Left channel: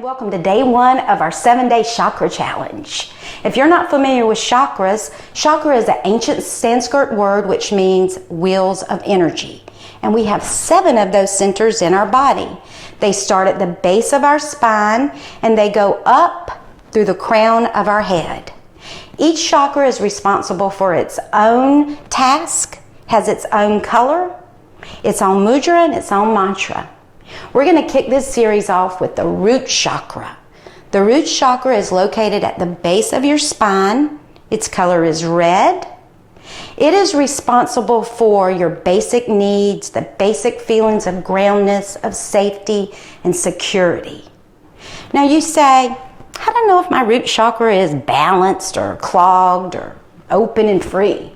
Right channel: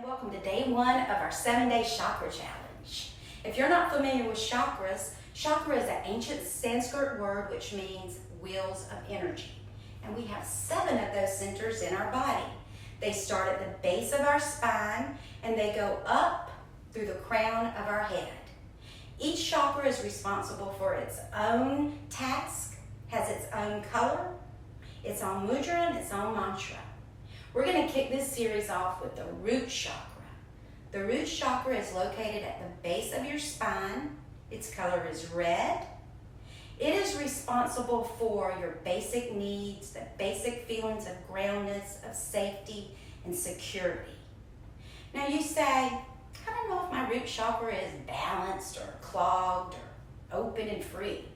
and welcome to day 1 of our 7-day chakra challenge. If you're not familiar with chakras, chakra is an ancient Sanskrit word which means wheels of energy. And we have 7 of those centers in our body. They start at the base of our spine and they go up through the crown of our head. Each chakra is responsible for its own task, has its own color, its own mudra, and its own mantra. We're going to kick this series off with the root chakra. The root chakra is located at the base of your spine. Its color is red. It is responsible for your basic needs, the basic feelings of groundedness, of safety, and security. Now you say, I don't know if my root chakra is balanced or clogged or open and free.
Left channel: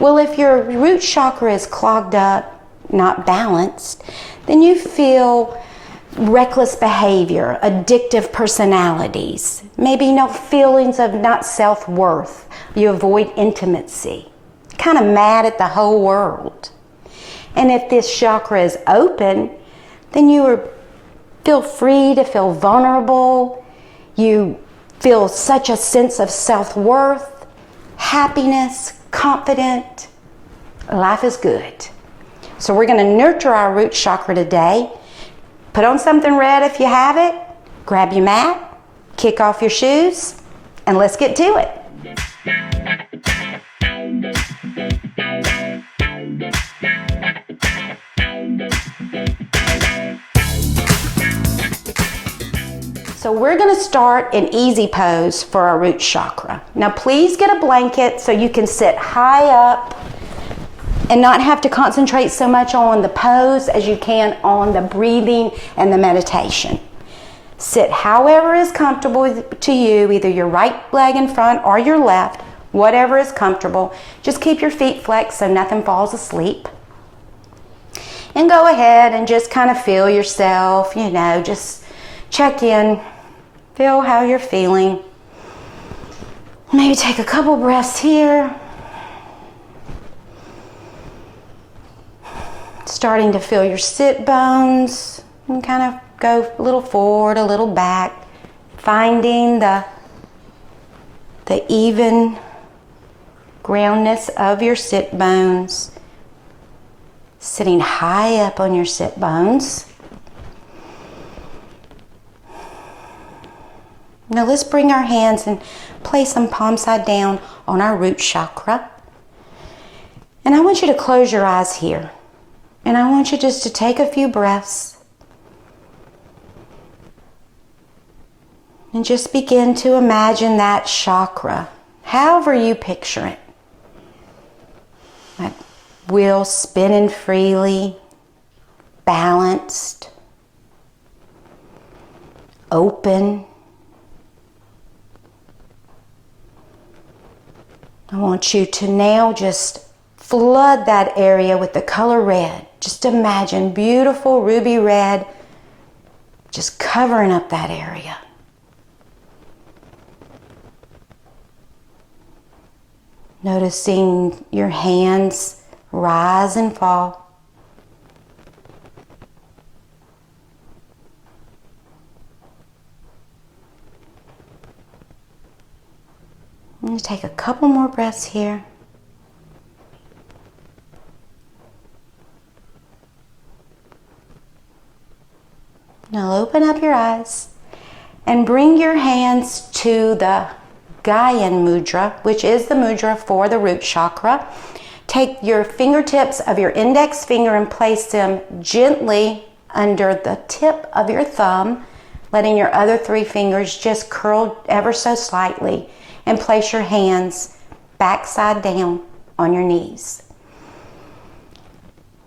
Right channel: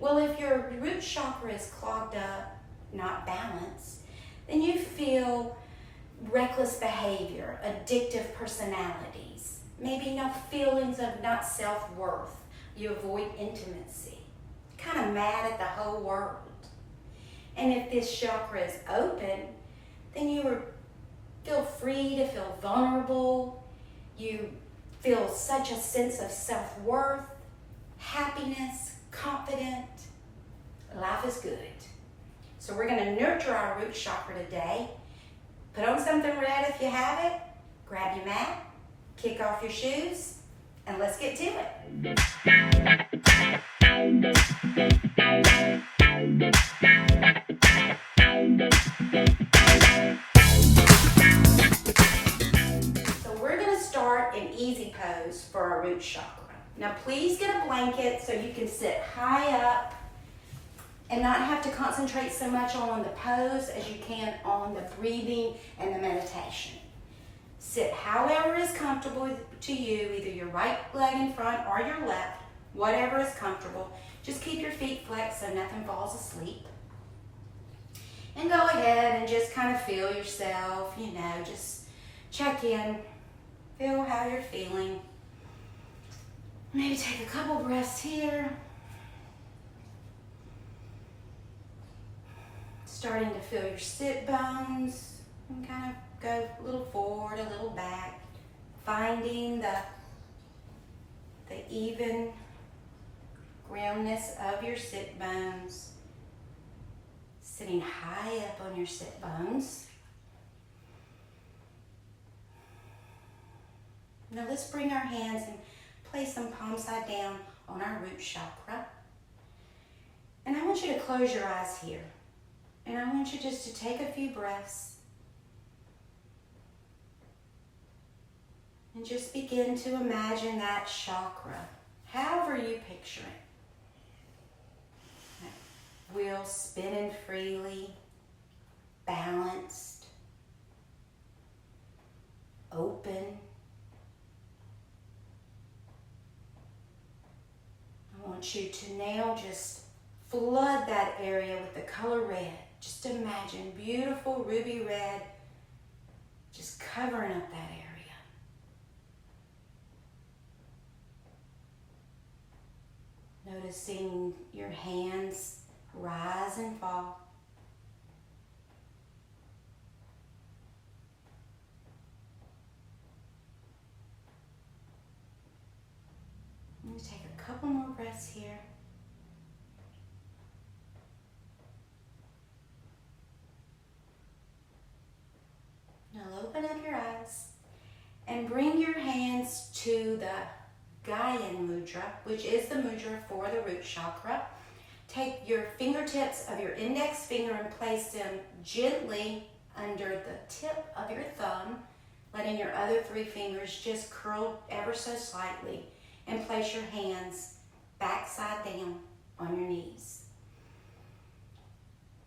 Well, if your root chakra is clogged up, not balanced, then you feel reckless behavior, addictive personalities, maybe feelings of not self-worth. You avoid intimacy, kind of mad at the whole world. And if this chakra is open, then you feel free to feel vulnerable. You feel such a sense of self-worth, happiness, confident. Life is good. So we're going to nurture our root chakra today. Put on something red if you have it. Grab your mat, kick off your shoes, and let's get to it. So we're going to start an easy pose for our root chakra. Now please get a blanket so you can sit high up and not have to concentrate so much on the pose as you can on the breathing and the meditation. Sit however is comfortable to you, either your right leg in front or your left, whatever is comfortable. Just keep your feet flexed so nothing falls asleep. And go ahead and just kind of feel yourself, just check in, feel how you're feeling. Maybe take a couple breaths here. Starting to feel your sit bones and kind of go a little forward, a little back, finding the even groundness of your sit bones, sitting high up on your sit bones. Now let's bring our hands and place them palm side down on our root chakra. And I want you to close your eyes here. And I want you just to take a few breaths and just begin to imagine that chakra, however you picture it. That wheel spinning freely, balanced, open. I want you to now just flood that area with the color red. Just imagine beautiful ruby red just covering up that area. Noticing your hands rise and fall. I'm going to take a couple more breaths here. Now open up your eyes and bring your hands to the Gyan mudra, which is the mudra for the root chakra. Take your fingertips of your index finger and place them gently under the tip of your thumb, letting your other 3 fingers just curl ever so slightly, and place your hands backside down on your knees.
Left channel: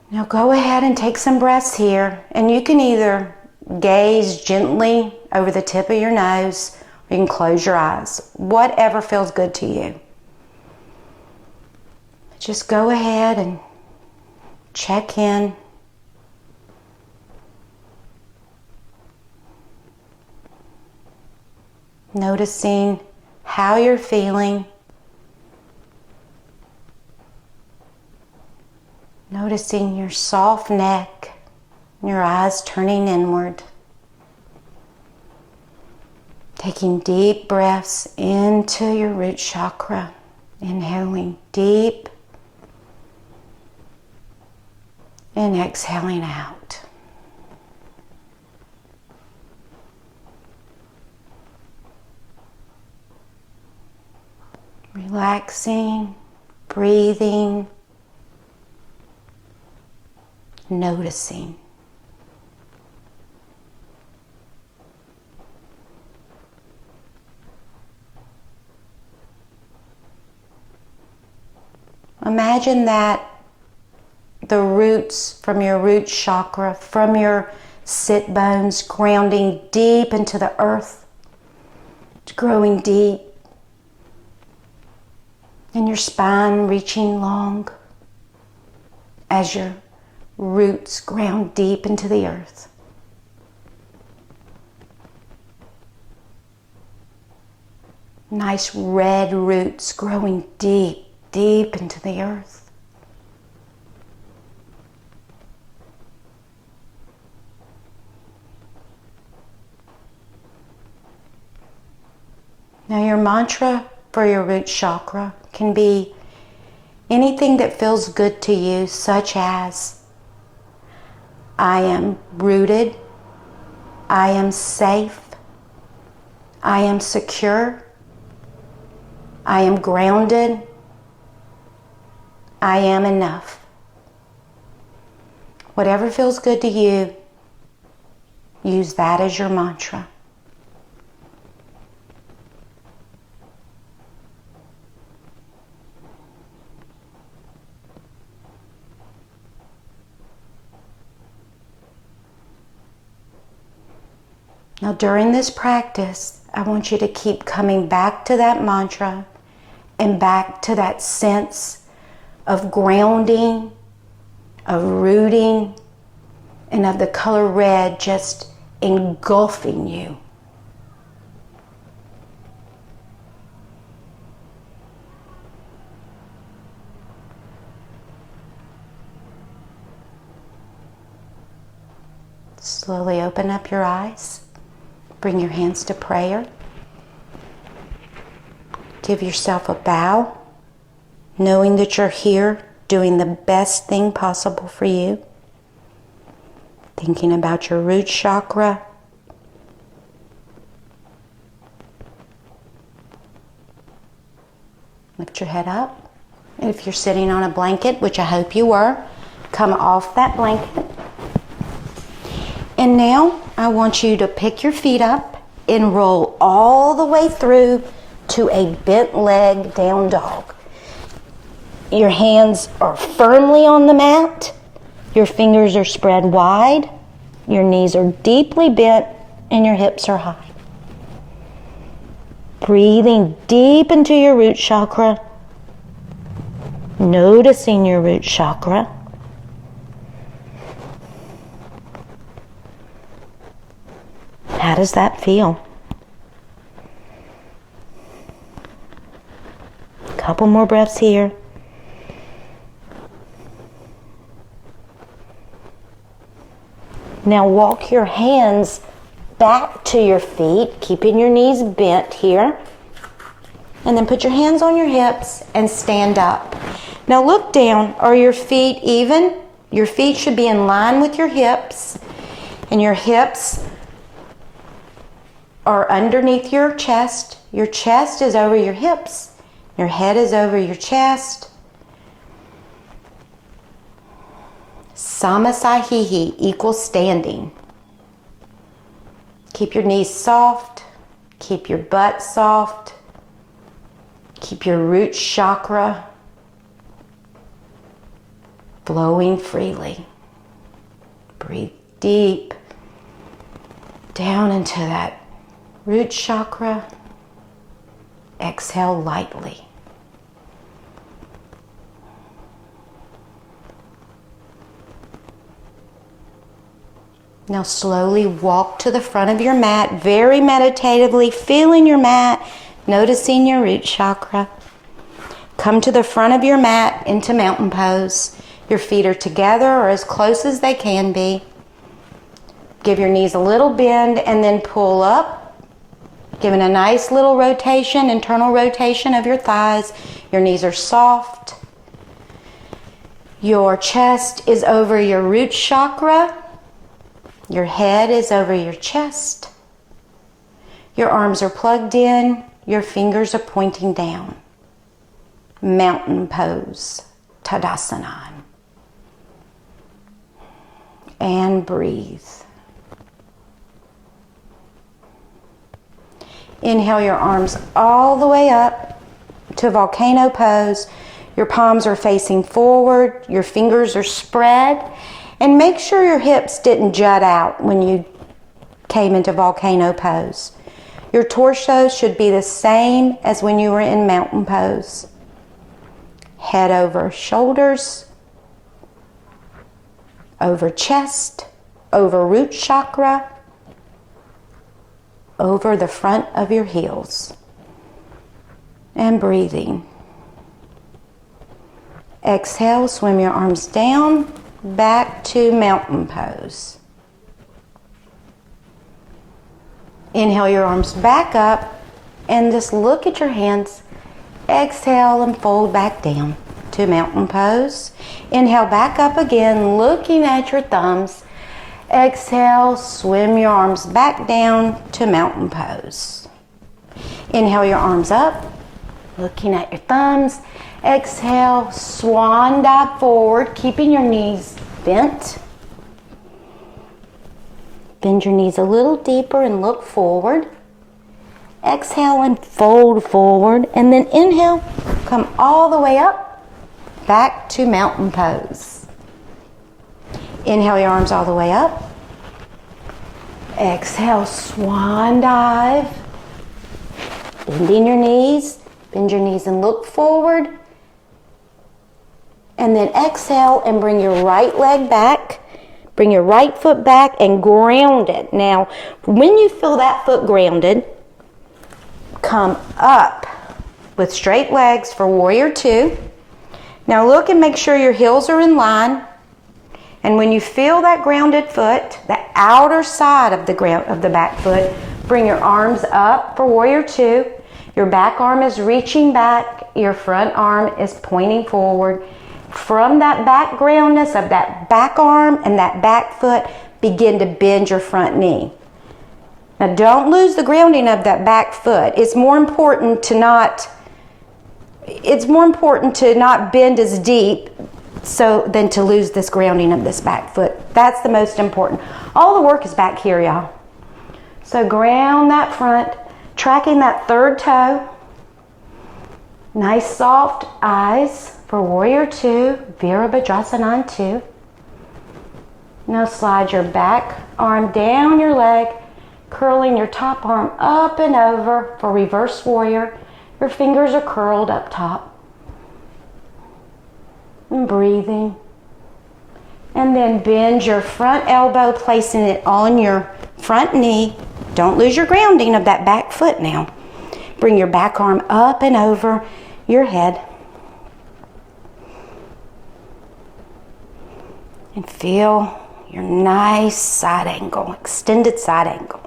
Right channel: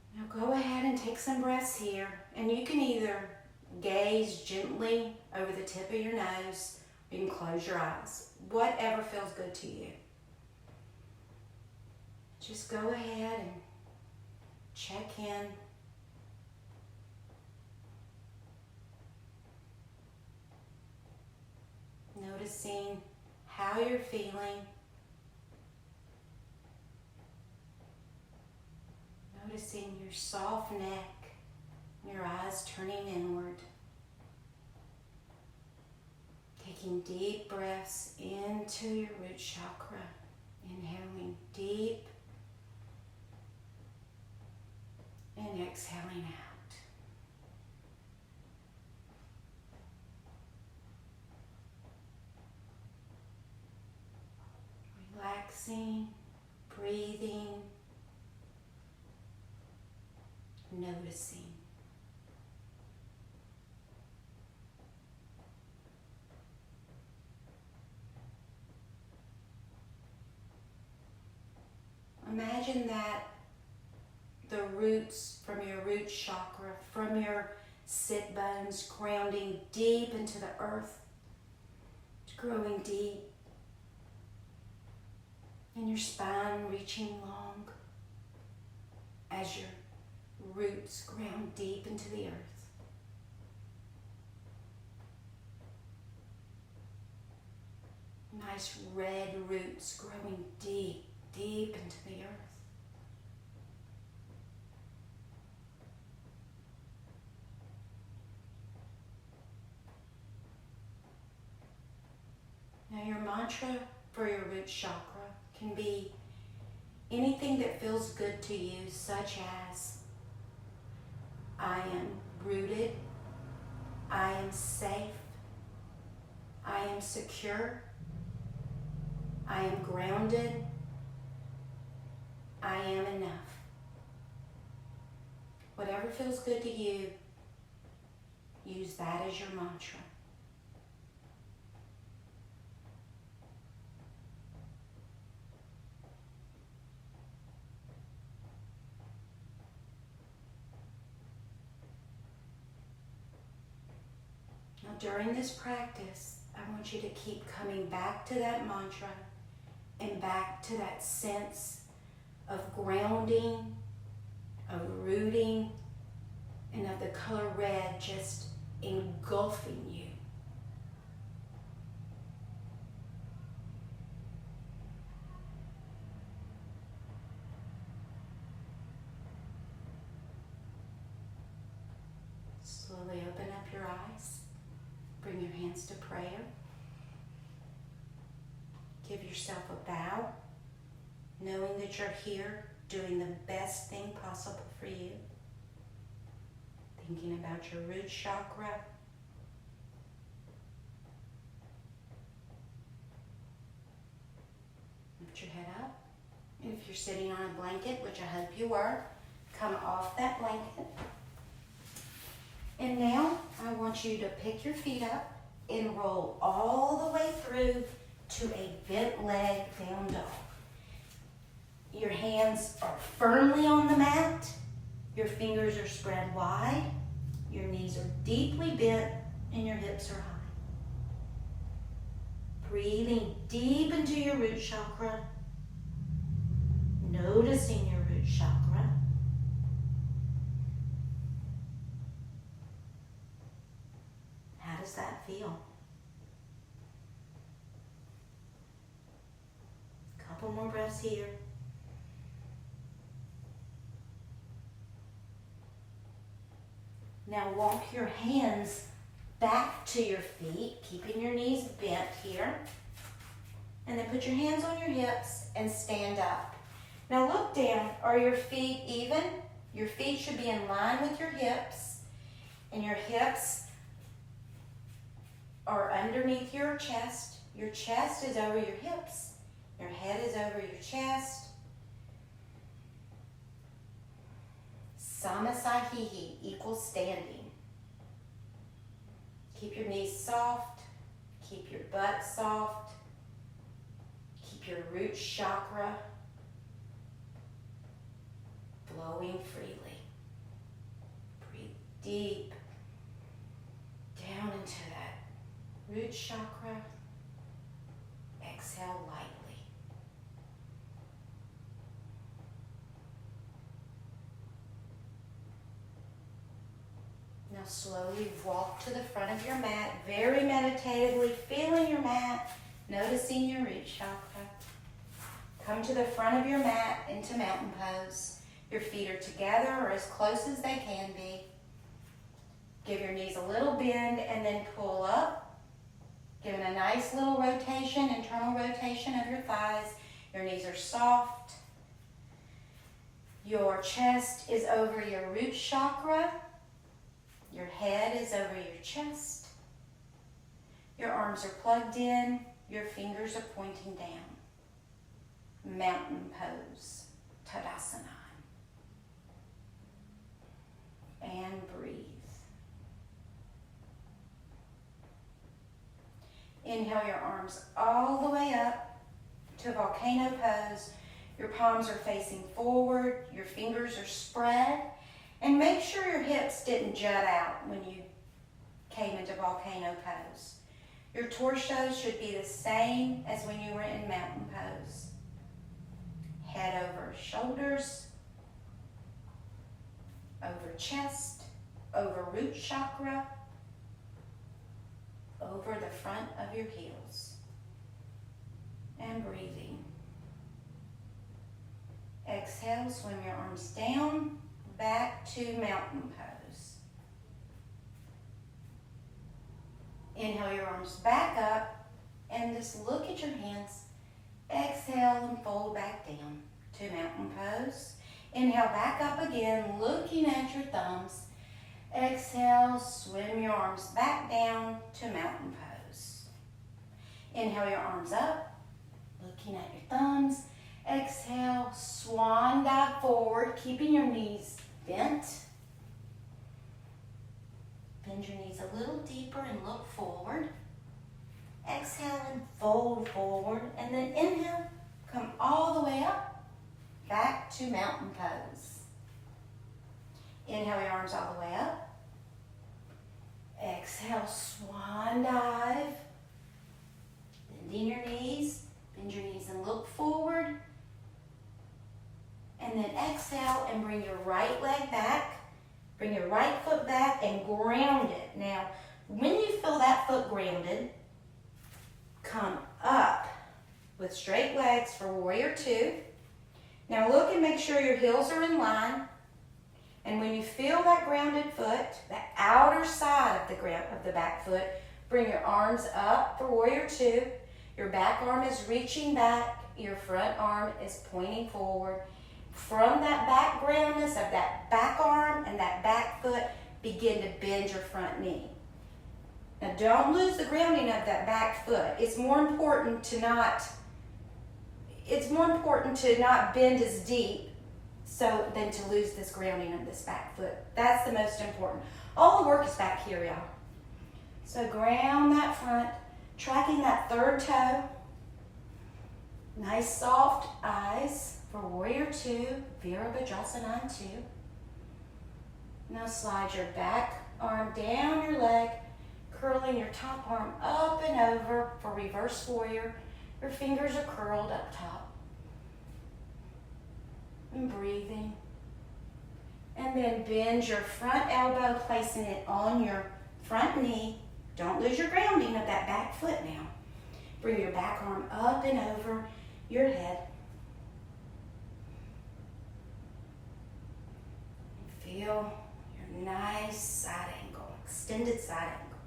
Now go ahead and take some breaths here, and you can either gaze gently over the tip of your nose, or you can close your eyes, whatever feels good to you. Just go ahead and check in. Noticing how you're feeling. Noticing your soft neck, your eyes turning inward. Taking deep breaths into your root chakra. Inhaling deep and exhaling out. Relaxing, breathing, noticing. Imagine that the roots from your root chakra, from your sit bones, grounding deep into the earth, growing deep, and your spine reaching long as your roots ground deep into the earth. Nice red roots growing deep, deep into the earth. Now your mantra for your root chakra can be anything that feels good to you, such as, I am rooted, I am safe, I am secure, I am grounded, I am enough. Whatever feels good to you, use that as your mantra. Now during this practice, I want you to keep coming back to that mantra and back to that sense of grounding, of rooting, and of the color red just engulfing you. Slowly open up your eyes. Bring your hands to prayer. Give yourself a bow, knowing that you're here doing the best thing possible for you. Thinking about your root chakra. Lift your head up. And if you're sitting on a blanket, which I hope you were, come off that blanket. And now I want you to pick your feet up and roll all the way through to a bent leg down dog. Your hands are firmly on the mat. Your fingers are spread wide. Your knees are deeply bent and your hips are high. Breathing deep into your root chakra. Noticing your root chakra. How does that feel? Couple more breaths here. Now walk your hands back to your feet, keeping your knees bent here. And then put your hands on your hips and stand up. Now look down. Are your feet even? Your feet should be in line with your hips. And your hips are underneath your chest. Your chest is over your hips. Your head is over your chest. Samasahihi equals standing. Keep your knees soft. Keep your butt soft. Keep your root chakra flowing freely. Breathe deep down into that root chakra. Exhale lightly. Now slowly walk to the front of your mat, very meditatively, feeling your mat, noticing your root chakra. Come to the front of your mat into mountain pose. Your feet are together or as close as they can be. Give your knees a little bend and then pull up Giving a nice little rotation, internal rotation of your thighs. Your knees are soft. Your chest is over your root chakra. Your head is over your chest. Your arms are plugged in. Your fingers are pointing down. Mountain pose, Tadasana. And breathe. Inhale your arms all the way up to volcano pose. Your palms are facing forward. Your fingers are spread. And make sure your hips didn't jut out when you came into volcano pose. Your torso should be the same as when you were in mountain pose. Head over shoulders, over chest, over root chakra, over the front of your heels. And breathing. Exhale, swim your arms down, back to mountain pose. Inhale your arms back up and just look at your hands. Exhale and fold back down to mountain pose. Inhale back up again, looking at your thumbs. Exhale, swim your arms back down to mountain pose. Inhale your arms up, looking at your thumbs. Exhale, swan dive forward, keeping your knees bent. Bend your knees a little deeper and look forward. Exhale and fold forward, and then inhale, come all the way up, back to mountain pose. Inhale your arms all the way up. Exhale, swan dive. Bending your knees, bend your knees and look forward. And then exhale and bring your right leg back. Bring your right foot back and ground it. Now, when you feel that foot grounded, come up with straight legs for warrior two. Now look and make sure your heels are in line. And when you feel that grounded foot, the outer side of the back foot, bring your arms up for warrior two. Your back arm is reaching back. Your front arm is pointing forward. From that back groundness of that back arm and that back foot, begin to bend your front knee. Now don't lose the grounding of that back foot. It's more important to not bend as deep than to lose this grounding of this back foot. That's the most important. All the work is back here, y'all. So ground that front, tracking that third toe. Nice soft eyes for warrior two, Virabhadrasana 2. Now slide your back arm down your leg, curling your top arm up and over for reverse warrior. Your fingers are curled up top. And breathing. And then bend your front elbow, placing it on your front knee. Don't lose your grounding of that back foot now. Bring your back arm up and over your head. And feel your nice side angle, extended side angle.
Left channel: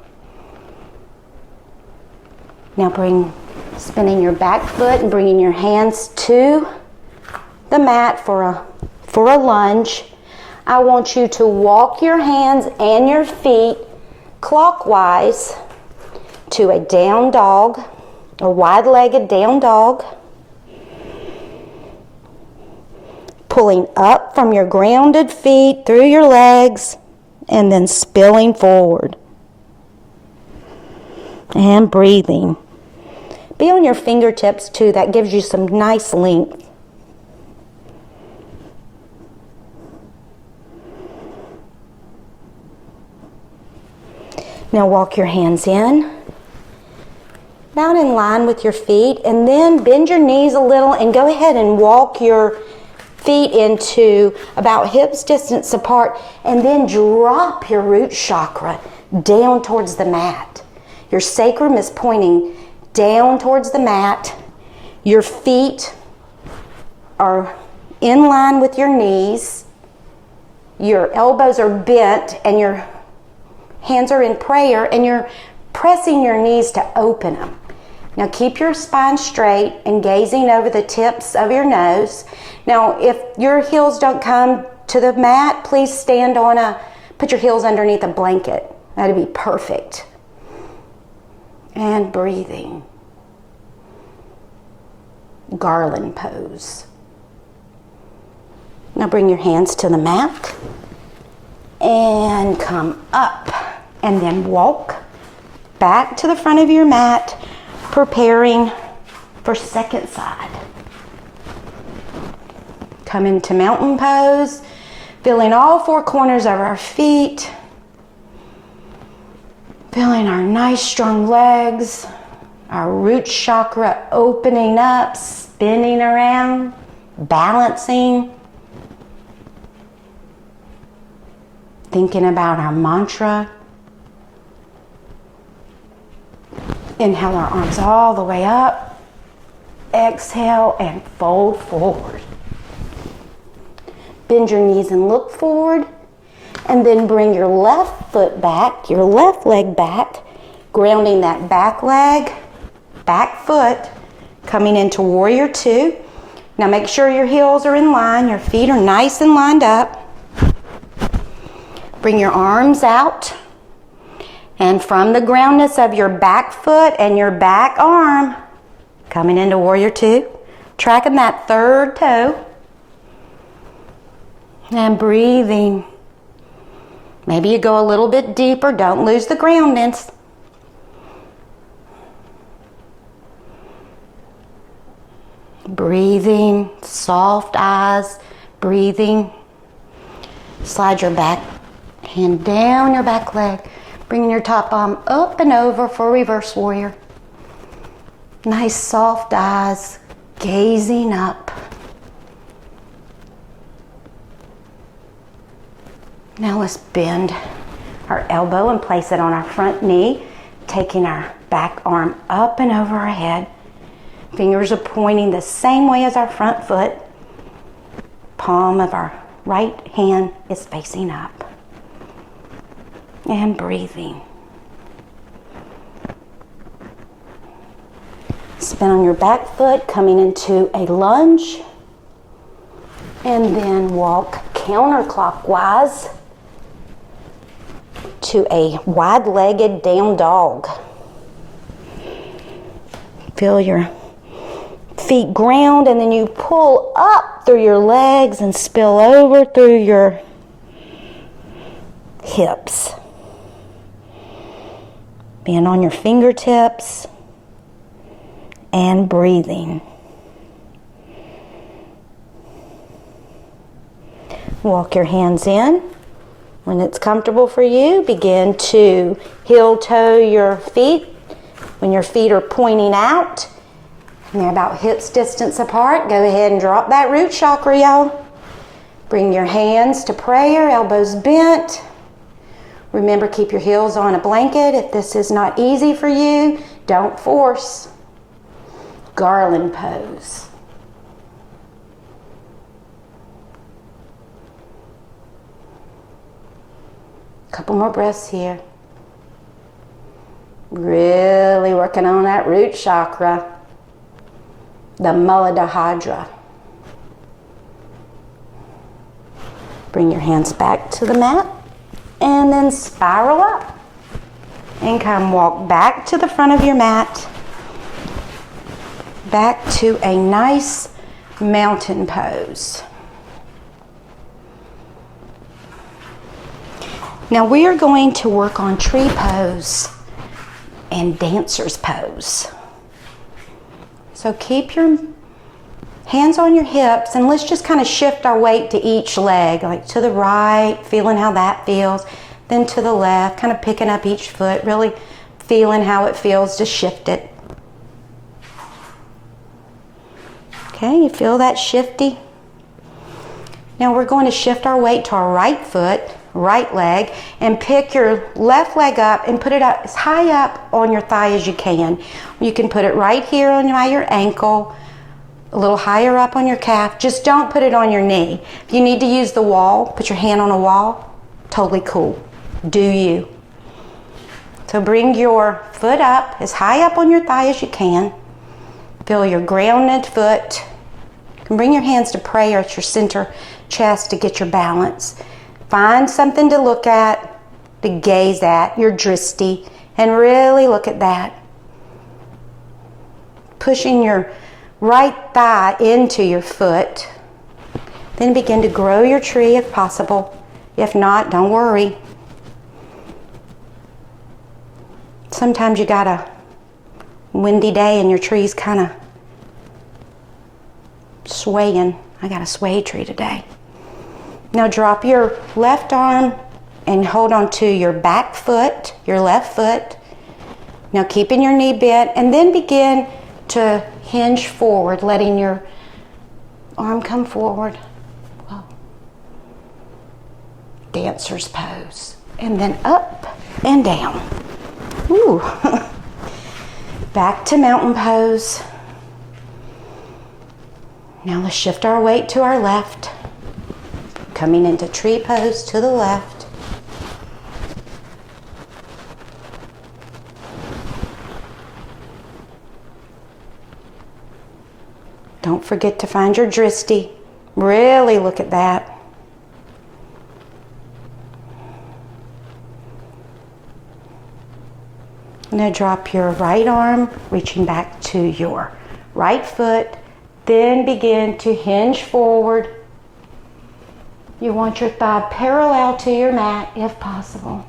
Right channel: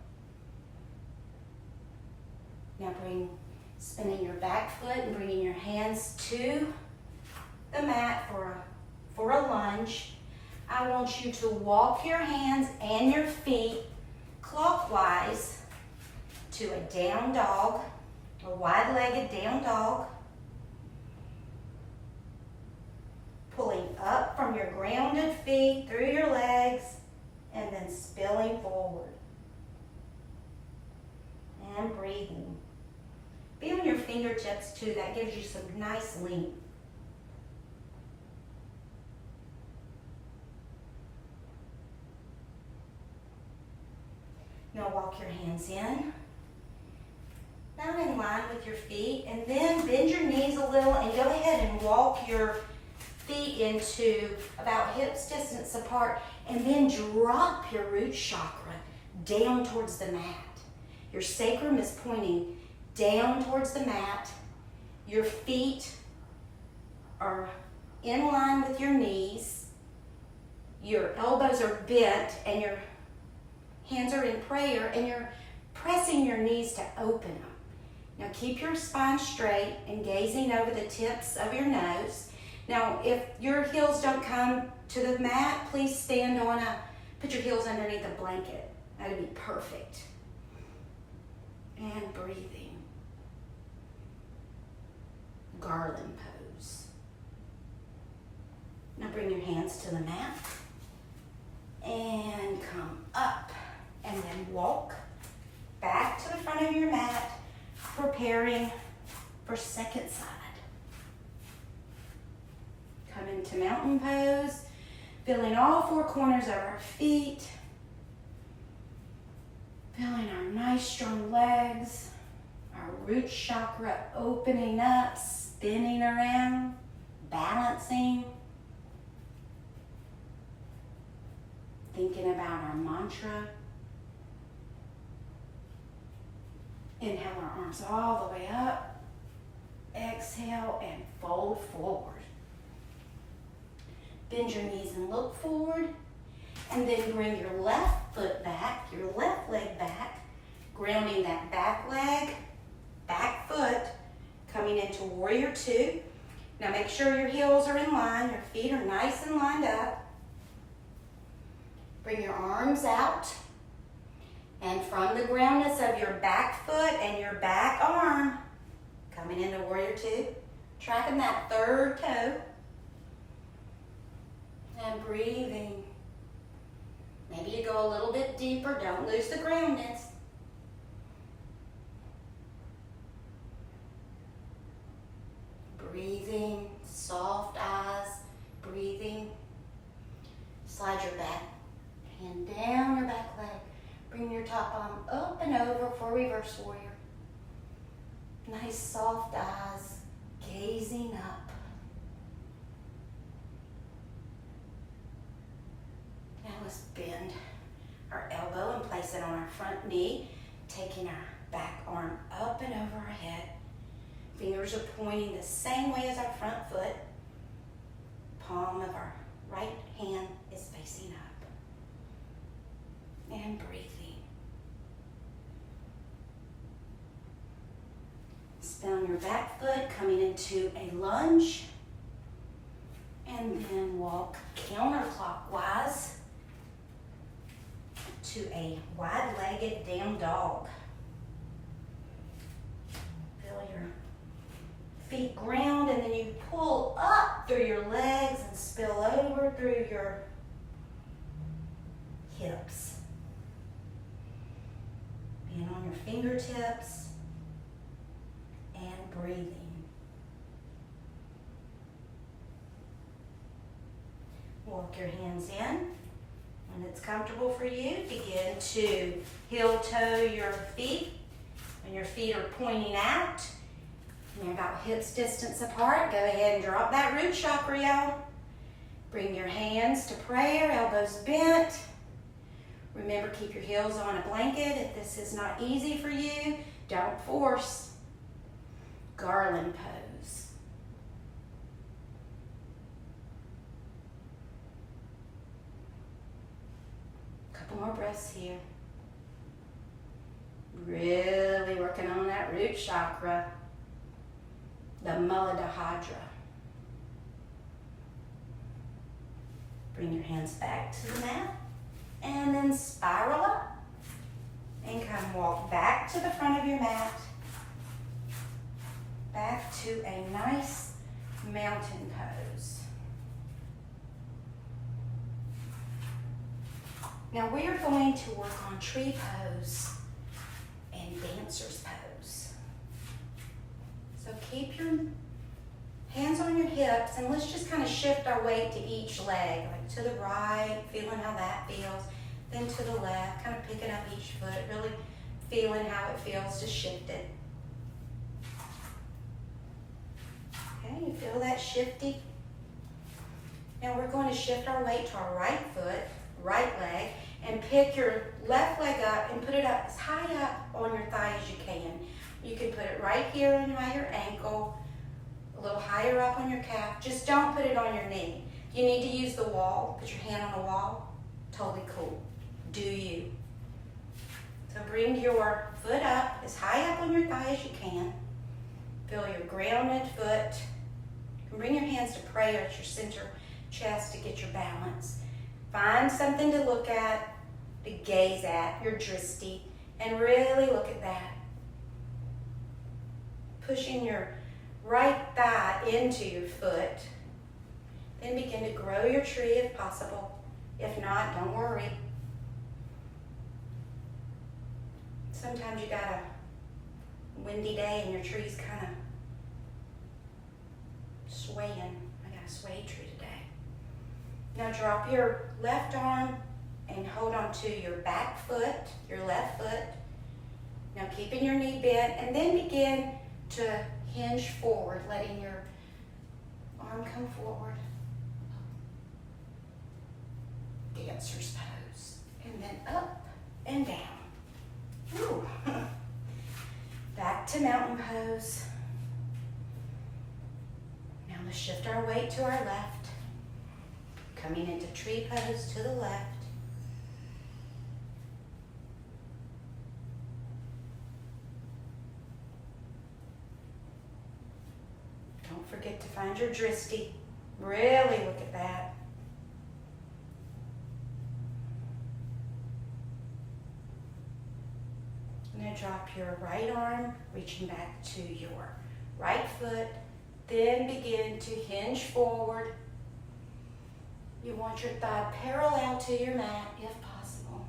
Now spinning your back foot and bringing your hands to the mat for a lunge. I want you to walk your hands and your feet clockwise to a down dog, a wide-legged down dog. Pulling up from your grounded feet through your legs and then spilling forward. And breathing. Be on your fingertips too. That gives you some nice length. Now walk your hands in, down in line with your feet, and then bend your knees a little and go ahead and walk your feet into about hips distance apart, and then drop your root chakra down towards the mat. Your sacrum is pointing down towards the mat. Your feet are in line with your knees. Your elbows are bent and your hands are in prayer, and you're pressing your knees to open them. Now keep your spine straight and gazing over the tips of your nose. Now if your heels don't come to the mat, please put your heels underneath a blanket. That'd be perfect. And breathing. Garland pose. Now bring your hands to the mat and come up and then walk back to the front of your mat, preparing for second side. Come into mountain pose, feeling all four corners of our feet, feeling our nice strong legs, our root chakra opening up, spinning around, balancing. Thinking about our mantra. Inhale our arms all the way up. Exhale and fold forward. Bend your knees and look forward. And then bring your left foot back, your left leg back, grounding that back leg, back foot, coming into warrior two. Now make sure your heels are in line, your feet are nice and lined up. Bring your arms out, and from the groundness of your back foot and your back arm, coming into warrior two, tracking that third toe, and breathing. Maybe you go a little bit deeper, don't lose the groundness. Breathing, soft eyes, breathing. Slide your back hand down your back leg, bringing your top arm up and over for reverse warrior. Nice soft eyes, gazing up. Now let's bend our elbow and place it on our front knee, taking our back arm up and over our head. Fingers are pointing the same way as our front foot. Palm of our right hand is facing up. And breathing. Spin on your back foot, coming into a lunge. And then walk counterclockwise to a wide-legged down dog. Feel your feet ground, and then you pull up through your legs and spill over through your hips. Being on your fingertips and breathing. Walk your hands in. When it's comfortable for you, begin to heel toe your feet. When your feet are pointing out and they're about hips distance apart, go ahead and drop that root chakra, y'all. Bring your hands to prayer, elbows bent. Remember, keep your heels on a blanket. If this is not easy for you, don't force. Garland pose. Couple more breaths here. Really working on that root chakra, the Muladhara. Bring your hands back to the mat. And then spiral up and come walk back to the front of your mat, back to a nice mountain pose. Now we are going to work on tree pose and dancer's pose. So keep your hands on your hips, and let's just kind of shift our weight to each leg, like to the right, feeling how that feels, then to the left, kind of picking up each foot, really feeling how it feels to shift it. Okay, you feel that shifty? Now we're going to shift our weight to our right foot, right leg, and pick your left leg up and put it up as high up on your thigh as you can. You can put it right here on your ankle, a little higher up on your calf. Just don't put it on your knee. If you need to use the wall, put your hand on a wall, totally cool. Do you. So bring your foot up, as high up on your thigh as you can. Feel your grounded foot. You can bring your hands to prayer at your center chest to get your balance. Find something to look at, to gaze at, your drishti, and really look at that. Pushing your right thigh into your foot. Then begin to grow your tree if possible. If not, don't worry. Sometimes you got a windy day and your tree's kind of swaying. I got a sway tree today. Now drop your left arm and hold on to your back foot, your left foot. Now keeping your knee bent, and then begin to hinge forward, letting your arm come forward. Whoa. Dancer's pose. And then up and down. Ooh. Back to mountain pose. Now let's shift our weight to our left. Coming into tree pose to the left. Don't forget to find your drishti. Really look at that. Now drop your right arm, reaching back to your right foot. Then begin to hinge forward. You want your thigh parallel to your mat if possible.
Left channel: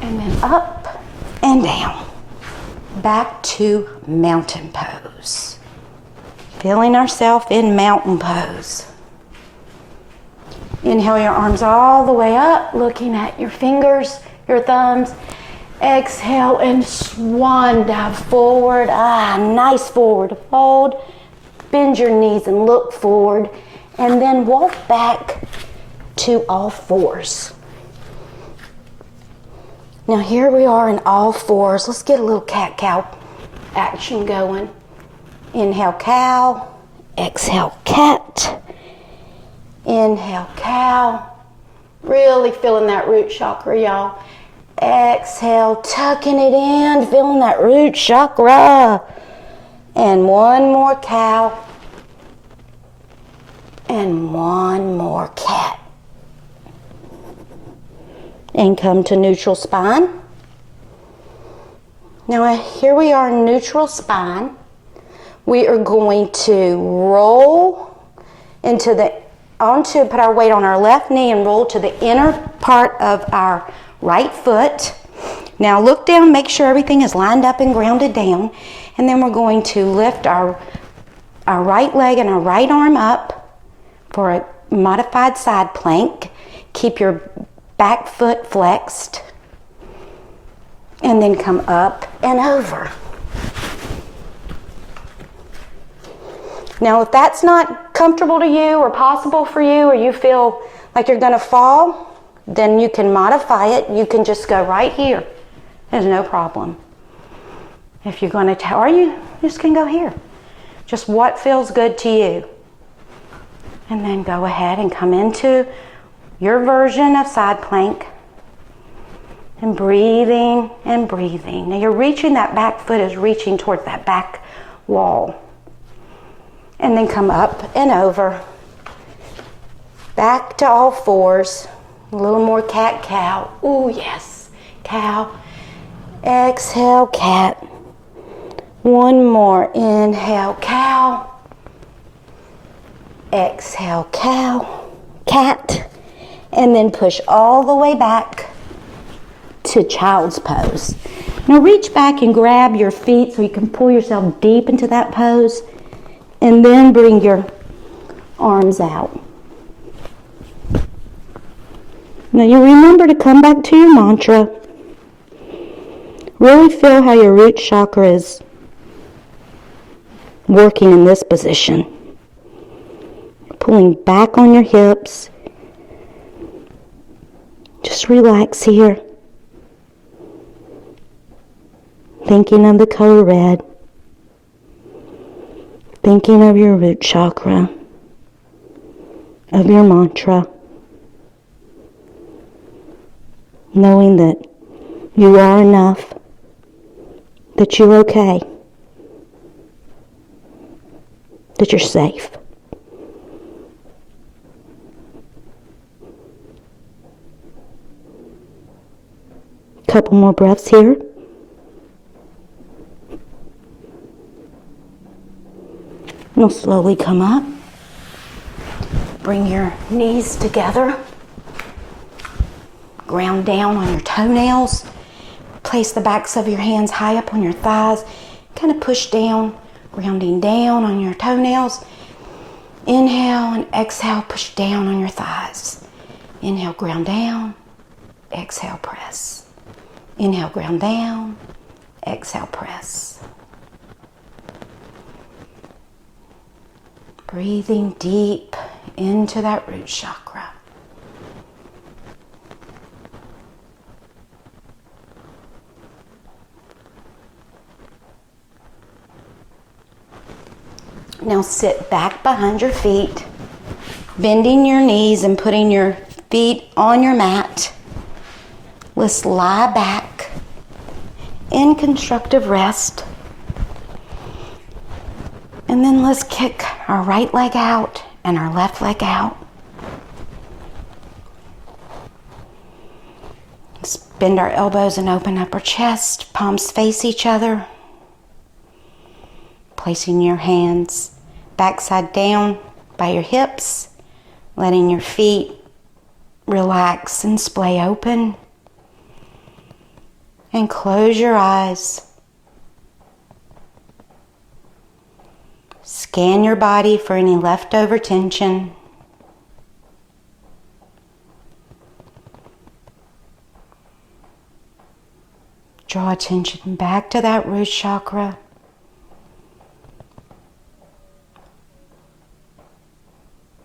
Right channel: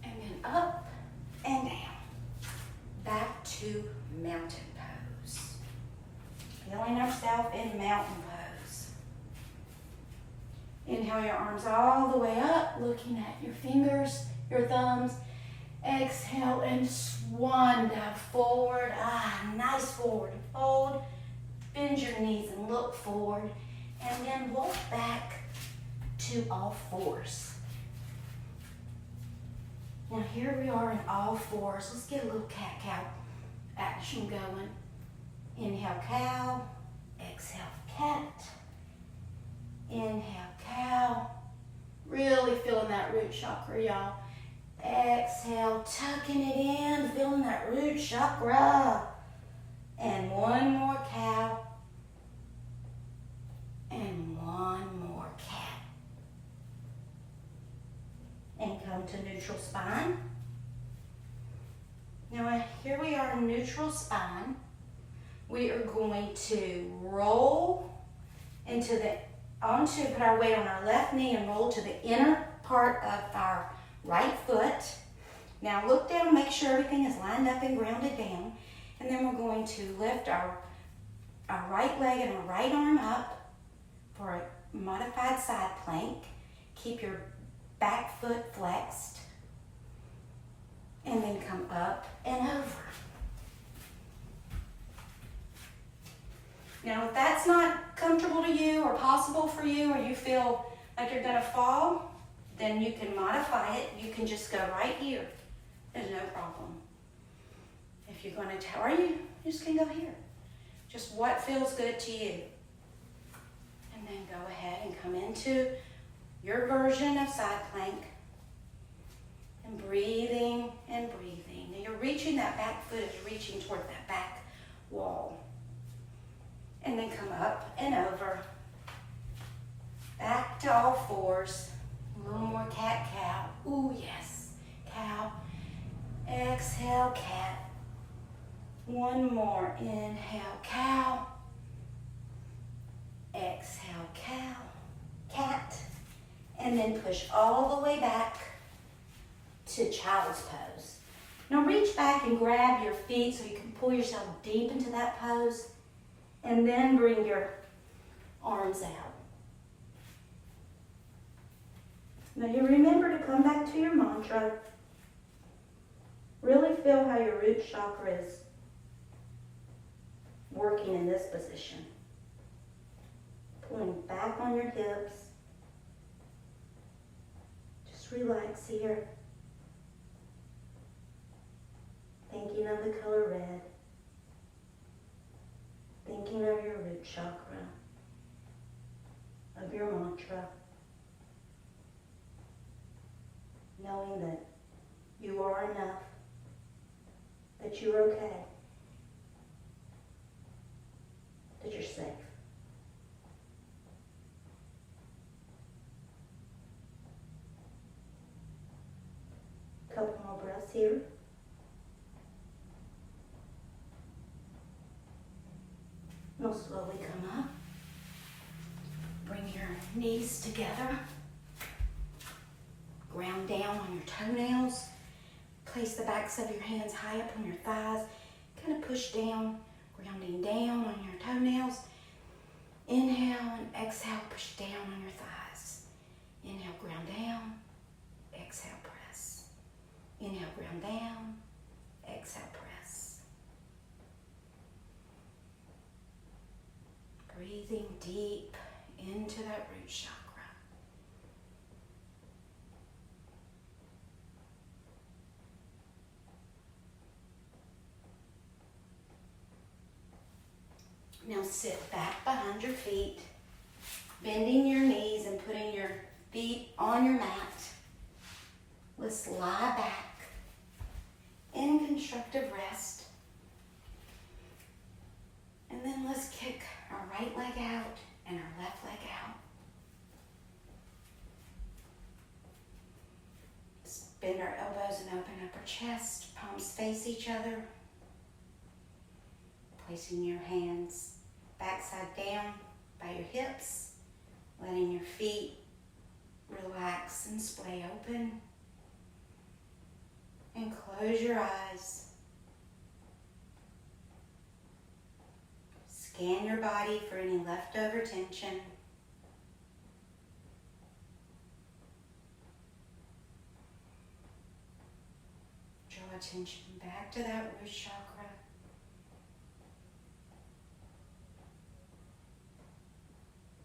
And then up and down. Back to mountain pose. Feeling ourselves in mountain pose. Inhale your arms all the way up, looking at your fingers, your thumbs. Exhale and swan dive forward. Nice forward fold. Bend your knees and look forward. And then walk back to all fours. Now here we are in all fours. Let's get a little cat-cow action going. Inhale, cow. Exhale, cat. Inhale, cow. Really feeling that root chakra, y'all. Exhale, tucking it in, feeling that root chakra. And one more cow. And one more cat. And come to neutral spine. Now here we are in neutral spine. We are going to roll put our weight on our left knee and roll to the inner part of our right foot. Now look down, make sure everything is lined up and grounded down. And then we're going to lift our right leg and our right arm up for a modified side plank. Keep your back foot flexed. And then come up and over. Now if that's not comfortable to you or possible for you, or you feel like you're gonna fall, then you can modify it. You can just go right here. There's no problem. If you're gonna, or you just can go here. Just what feels good to you. And then go ahead and come into your version of side plank. And breathing and breathing. Now you're reaching, that back foot is reaching towards that back wall. And then come up and over. Back to all fours. A little more cat-cow. Ooh, yes. Cow. Exhale, cat. One more. Inhale, cow. Exhale, cow. Cat. And then push all the way back to child's pose. Now reach back and grab your feet so you can pull yourself deep into that pose. And then bring your arms out. Now you remember to come back to your mantra. Really feel how your root chakra is working in this position. Pulling back on your hips. Just relax here. Thinking of the color red. Thinking of your root chakra, of your mantra. knowing that you are enough, that you're okay, that you're safe. Couple more breaths here. You'll slowly come up. Bring your knees together. Ground down on your toenails. Place the backs of your hands high up on your thighs. Kind of push down, grounding down on your toenails. Inhale and exhale, push down on your thighs. Inhale, ground down. Exhale, press. Inhale, ground down. Exhale, press. Breathing deep into that root chakra. Now sit back behind your feet, bending your knees and putting your feet on your mat. Let's lie back in constructive rest. And then let's kick our right leg out and our left leg out. Let's bend our elbows and open up our chest. Palms face each other. Placing your hands backside down by your hips. Letting your feet relax and splay open. And close your eyes. Scan your body for any leftover tension. Draw attention back to that root chakra.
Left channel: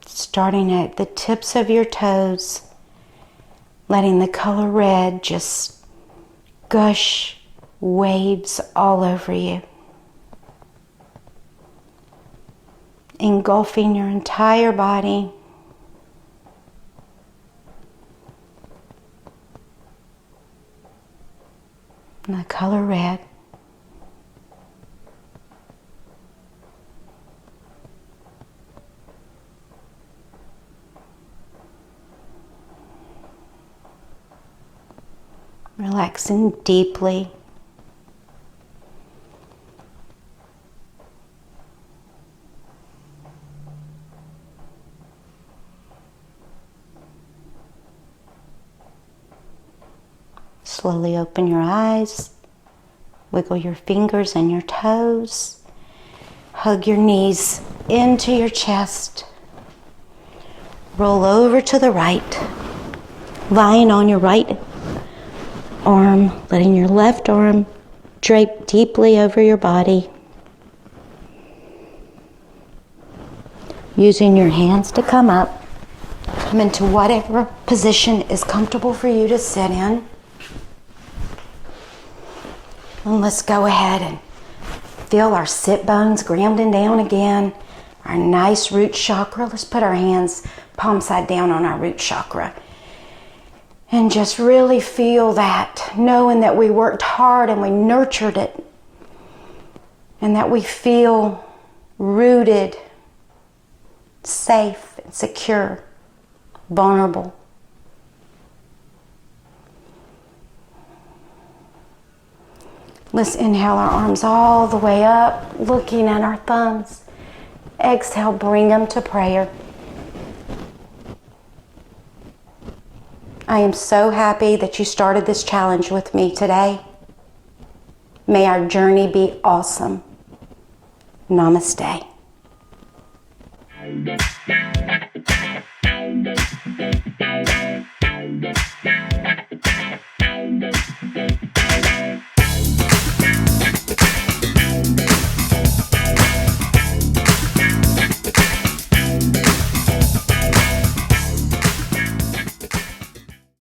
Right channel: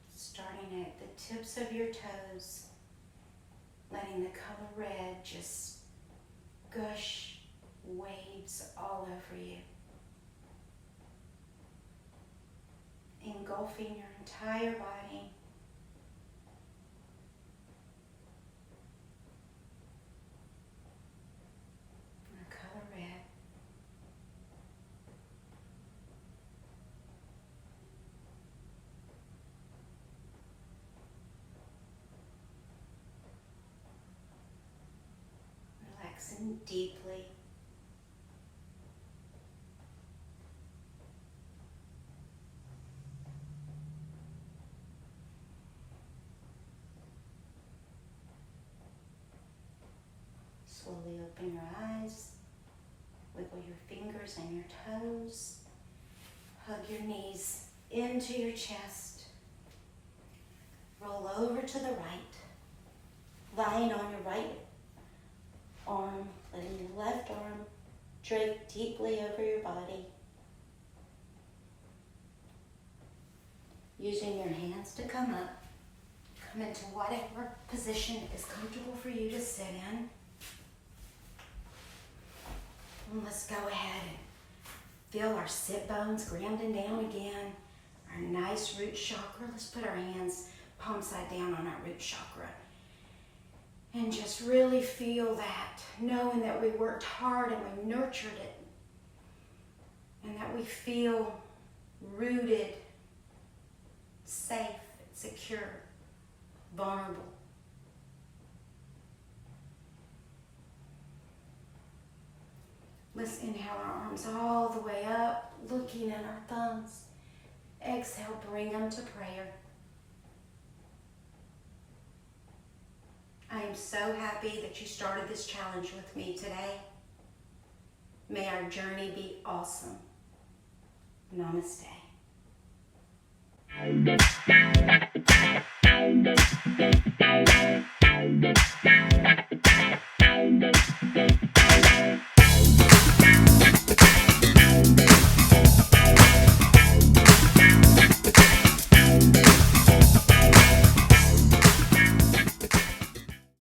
Starting at the tips of your toes, letting the color red just gush waves all over you. Engulfing your entire body. And the color red. Relaxing deeply. Slowly open your eyes, wiggle your fingers and your toes, hug your knees into your chest, roll over to the right, lying on your right arm, letting your left arm drape deeply over your body, using your hands to come up, come into whatever position is comfortable for you to sit in. And let's go ahead and feel our sit bones grounding down again. Our nice root chakra. Let's put our hands palm side down on our root chakra. And just really feel that, knowing that we worked hard and we nurtured it. And that we feel rooted, safe, and secure, vulnerable. Let's inhale our arms all the way up, looking at our thumbs. Exhale, bring them to prayer. I am so happy that you started this challenge with me today. May our journey be awesome. Namaste.